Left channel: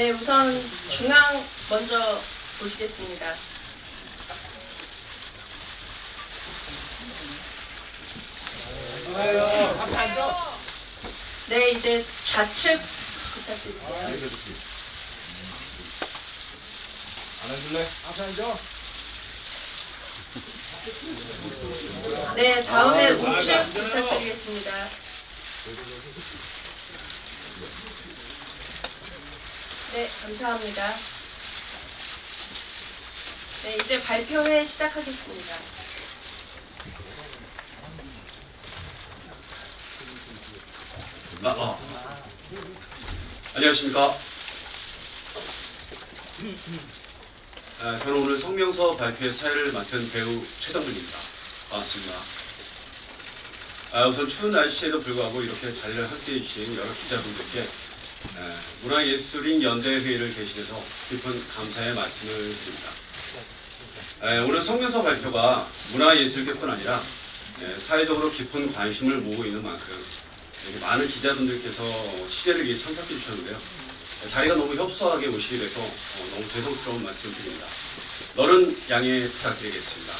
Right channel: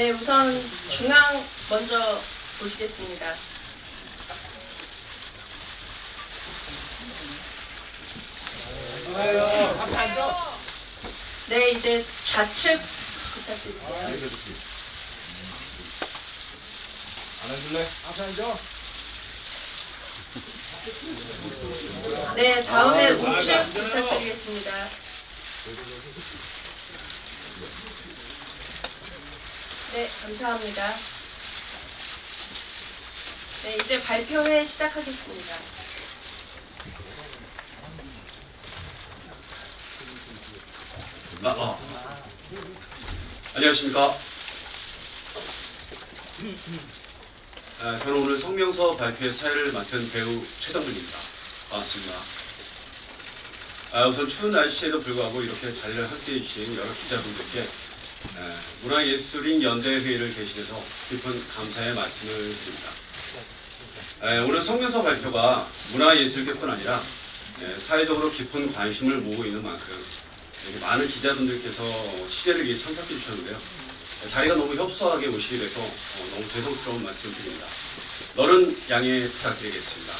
네, 우선 중앙 먼저 보시겠습니다. 네, 이제 좌측 부탁드릴게요. 안 해줄래? 앞에 앉아. 네, 다음에 우측 부탁드리겠습니다. 네, 감사합니다. 네, 이제 발표회 시작하겠습니다. 안녕하십니까. 저는 오늘 성명서 발표의 사회를 맡은 배우 최동근입니다. 반갑습니다. 우선 추운 날씨에도 불구하고 이렇게 자리를 함께해 주신 여러 기자분들께 문화예술인 연대회의를 개시해서 깊은 감사의 말씀을 드립니다. 오늘 성명서 발표가 문화예술계뿐 아니라 사회적으로 깊은 관심을 모으고 있는 만큼 이렇게 많은 기자분들께서 취재를 위해 참석해 주셨는데요. 자리가 너무 협소하게 오시게 돼서 너무 죄송스러운 말씀 드립니다. 너른 양해 부탁드리겠습니다.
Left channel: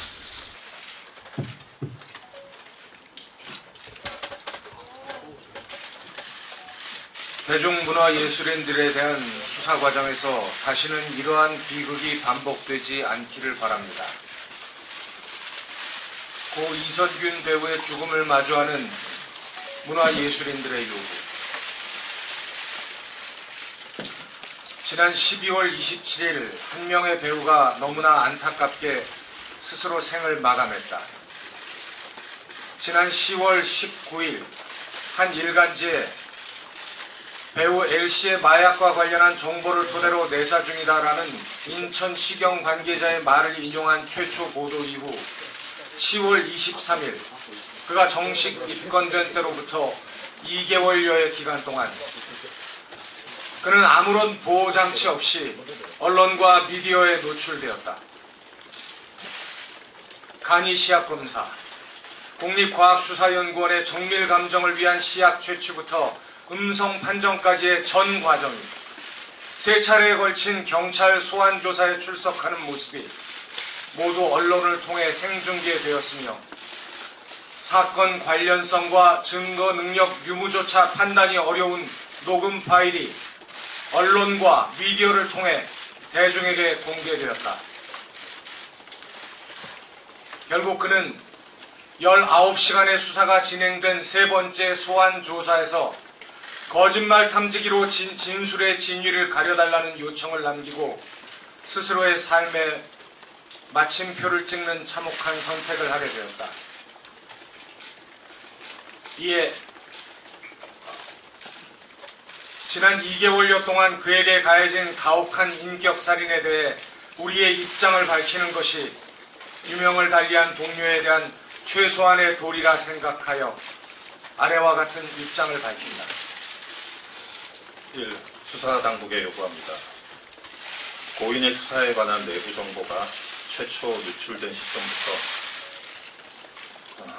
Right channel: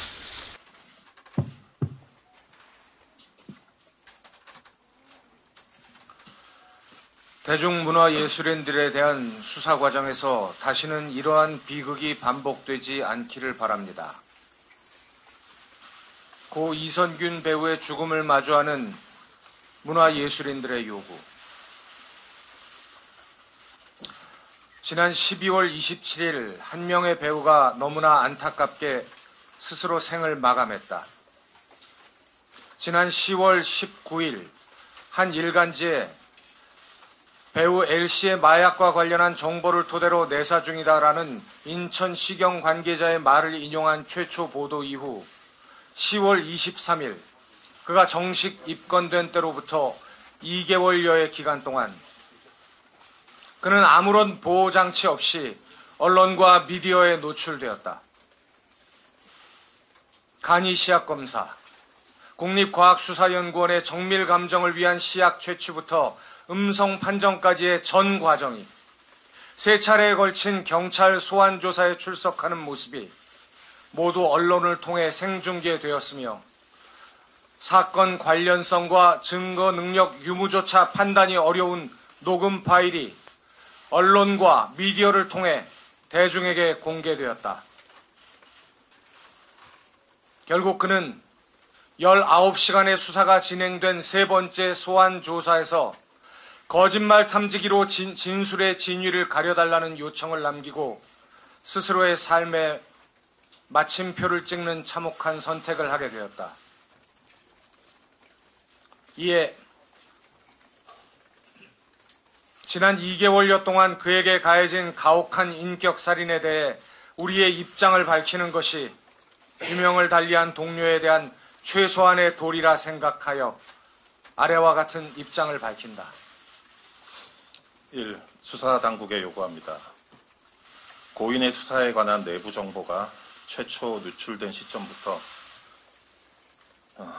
대중문화예술인들에 대한 수사 과정에서 다시는 이러한 비극이 반복되지 않기를 바랍니다. 고 이선균 배우의 죽음을 마주하는 문화예술인들의 요구. 지난 12월 27일 한 명의 배우가 너무나 안타깝게 스스로 생을 마감했다. 지난 10월 19일 한 일간지에 배우 L씨의 마약과 관련한 정보를 토대로 내사 중이다라는 인천시경 관계자의 말을 인용한 최초 보도 이후 10월 23일 그가 정식 입건된 때로부터 2개월여의 기간 동안 그는 아무런 보호장치 없이 언론과 미디어에 노출되었다. 간이 시약검사, 국립과학수사연구원의 정밀감정을 위한 시약 채취부터 음성 판정까지의 전 과정이 세 차례에 걸친 경찰 소환조사에 출석하는 모습이 모두 언론을 통해 생중계되었으며 사건 관련성과 증거 능력 유무조차 판단이 어려운 녹음 파일이 언론과 미디어를 통해 대중에게 공개되었다. 결국 그는 19시간의 수사가 진행된 세 번째 소환 조사에서 거짓말 탐지기로 진술의 진위를 가려달라는 요청을 남기고 스스로의 삶에 마침표를 찍는 참혹한 선택을 하게 되었다. 이에 지난 2개월여 동안 그에게 가해진 가혹한 인격살인에 대해 우리의 입장을 밝히는 것이 유명을 달리한 동료에 대한 최소한의 도리라 생각하여 아래와 같은 입장을 밝힌다. 1. 수사당국에 요구합니다. 고인의 수사에 관한 내부 정보가 최초 누출된 시점부터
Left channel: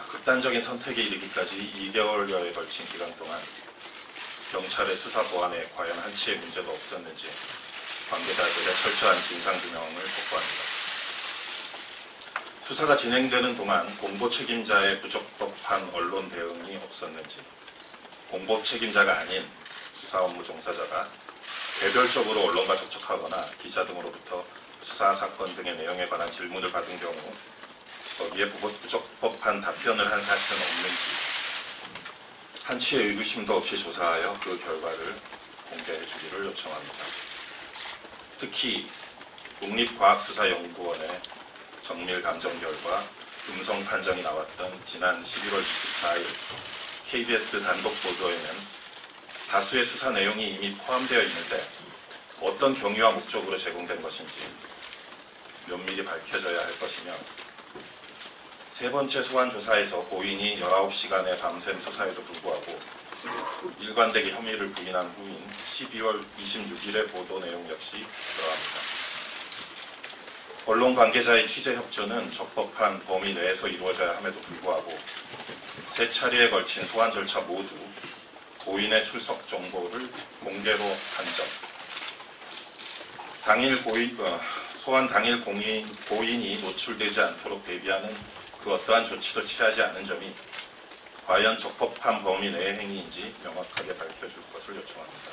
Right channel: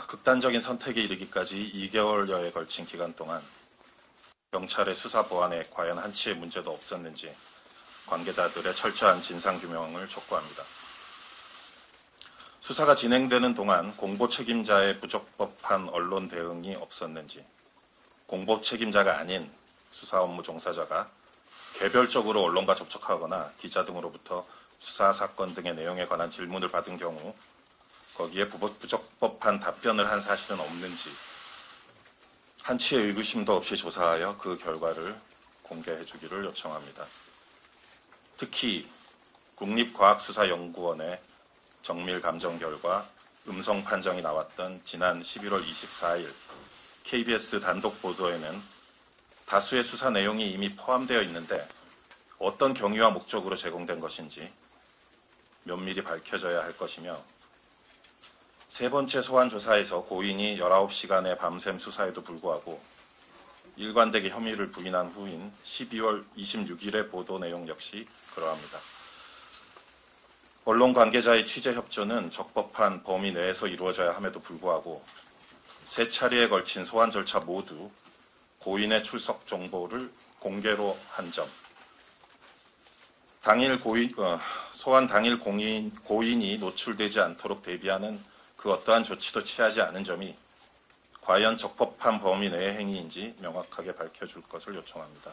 극단적인 선택에 이르기까지 2개월여에 걸친 기간 동안 경찰의 수사 보안에 과연 한치의 문제도 없었는지 관계자들의 철저한 진상규명을 촉구합니다. 수사가 진행되는 동안 공보 책임자의 부적법한 언론 대응이 없었는지, 공보 책임자가 아닌 수사 업무 종사자가 개별적으로 언론과 접촉하거나 기자 등으로부터 수사 사건 등의 내용에 관한 질문을 받은 경우 거기에 부적법한 답변을 한 사실은 없는지 한치의 의구심도 없이 조사하여 그 결과를 공개해 주기를 요청합니다. 특히 국립과학수사연구원의 정밀감정 결과 음성 판정이 나왔던 지난 11월 24일 KBS 단독 보도에는 다수의 수사 내용이 이미 포함되어 있는데 어떤 경위와 목적으로 제공된 것인지 면밀히 밝혀져야 할 것이며 세 번째 소환 조사에서 고인이 19시간의 밤샘 수사에도 불구하고 일관되게 혐의를 부인한 후인 12월 26일의 보도 내용 역시 그러합니다. 언론 관계자의 취재 협조는 적법한 범위 내에서 이루어져야 함에도 불구하고 세 차례에 걸친 소환 절차 모두 고인의 출석 정보를 공개로 한 점, 소환 당일 고인이 노출되지 않도록 대비하는 그 어떠한 조치도 취하지 않은 점이 과연 적법한 범위 내의 행위인지 명확하게 밝혀줄 것을 요청합니다.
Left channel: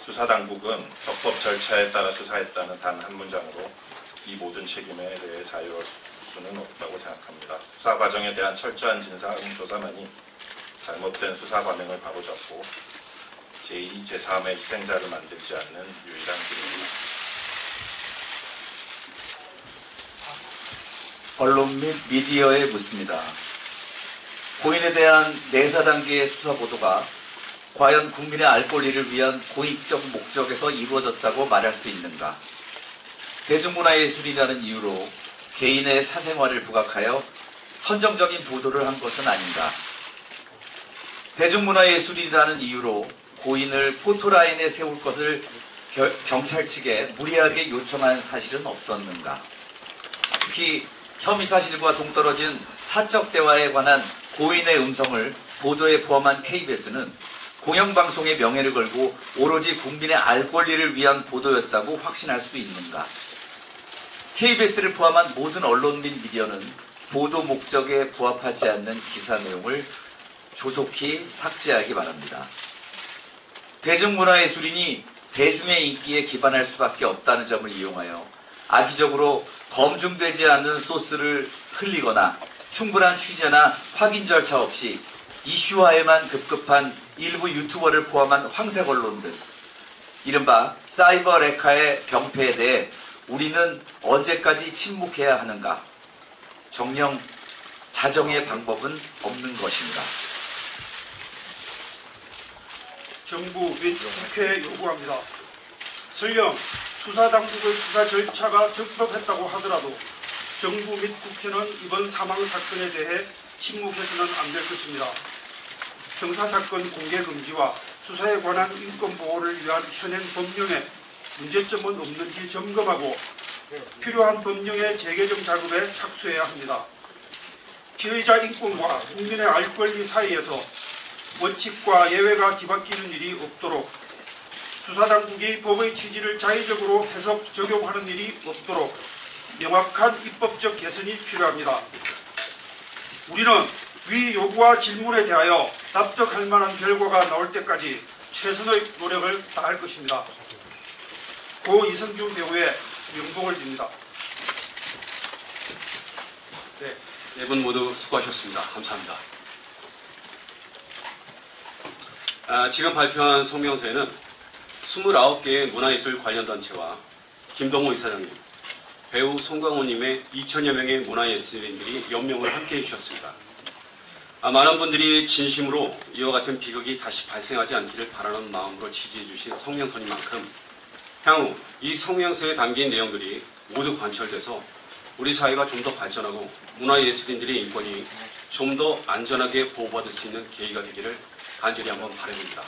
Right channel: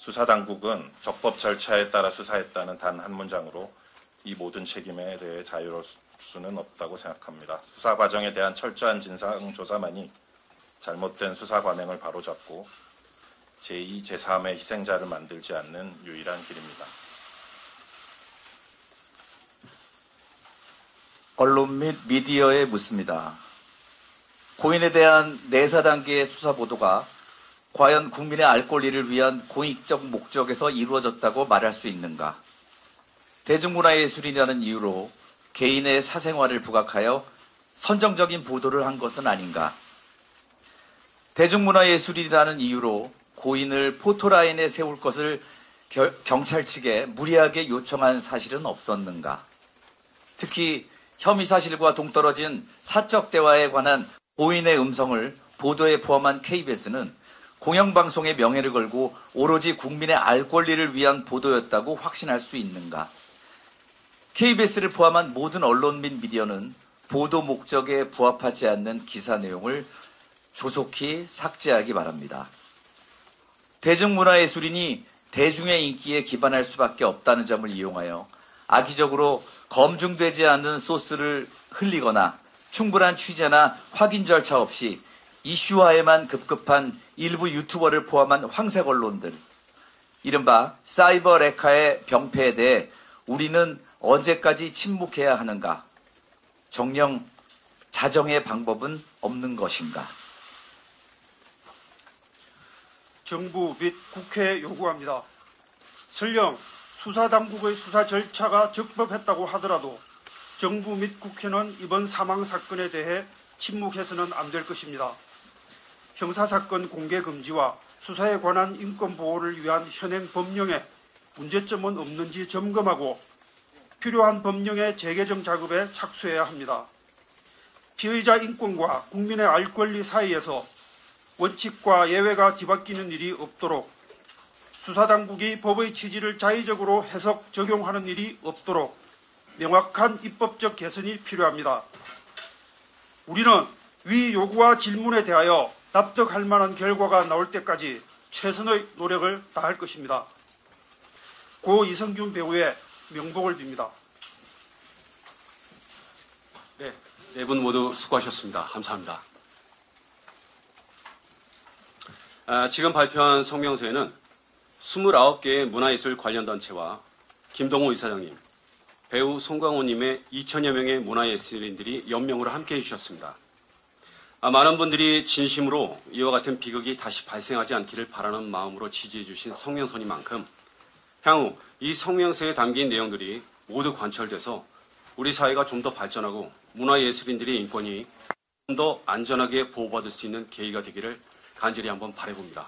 수사당국은 적법 절차에 따라 수사했다는 단 한 문장으로 이 모든 책임에 대해 자유로울 수는 없다고 생각합니다. 수사 과정에 대한 철저한 진상조사만이 잘못된 수사 관행을 바로잡고 제2, 제3의 희생자를 만들지 않는 유일한 길입니다. 언론 및 미디어에 묻습니다. 고인에 대한 내사 단계의 수사 보도가 과연 국민의 알 권리를 위한 공익적 목적에서 이루어졌다고 말할 수 있는가? 대중문화예술이라는 이유로 개인의 사생활을 부각하여 선정적인 보도를 한 것은 아닌가? 대중문화예술이라는 이유로 고인을 포토라인에 세울 것을 경찰 측에 무리하게 요청한 사실은 없었는가? 특히 혐의 사실과 동떨어진 사적 대화에 관한 고인의 음성을 보도에 포함한 KBS는 공영방송의 명예를 걸고 오로지 국민의 알 권리를 위한 보도였다고 확신할 수 있는가? KBS를 포함한 모든 언론 및 미디어는 보도 목적에 부합하지 않는 기사 내용을 조속히 삭제하기 바랍니다. 대중문화예술인이 대중의 인기에 기반할 수밖에 없다는 점을 이용하여 악의적으로 검증되지 않는 소스를 흘리거나 충분한 취재나 확인 절차 없이 이슈화에만 급급한 일부 유튜버를 포함한 황색 언론들, 이른바 사이버 레카의 병폐에 대해 우리는 언제까지 침묵해야 하는가? 정녕 자정의 방법은 없는 것인가? 정부 및 국회에 요구합니다. 설령 수사당국의 수사 절차가 적법했다고 하더라도 정부 및 국회는 이번 사망 사건에 대해 침묵해서는 안 될 것입니다. 형사사건 공개 금지와 수사에 관한 인권 보호를 위한 현행 법령에 문제점은 없는지 점검하고 필요한 법령의 재개정 작업에 착수해야 합니다. 피의자 인권과 국민의 알 권리 사이에서 원칙과 예외가 뒤바뀌는 일이 없도록 수사당국이 법의 취지를 자의적으로 해석, 적용하는 일이 없도록 명확한 입법적 개선이 필요합니다. 우리는 위 요구와 질문에 대하여 납득할 만한 결과가 나올 때까지 최선의 노력을 다할 것입니다. 고 이성균 배우의 명복을 빕니다. 네, 네 분 모두 수고하셨습니다. 감사합니다. 지금 발표한 성명서에는 29개의 문화예술 관련 단체와 김동호 이사장님, 배우 송강호님의 2천여 명의 문화예술인들이 연명을 함께 해주셨습니다. 많은 분들이 진심으로 이와 같은 비극이 다시 발생하지 않기를 바라는 마음으로 지지해 주신 성명서니만큼 향후 이 성명서에 담긴 내용들이 모두 관철돼서 우리 사회가 좀 더 발전하고 문화예술인들의 인권이 좀 더 안전하게 보호받을 수 있는 계기가 되기를 간절히 한번 바라봅니다.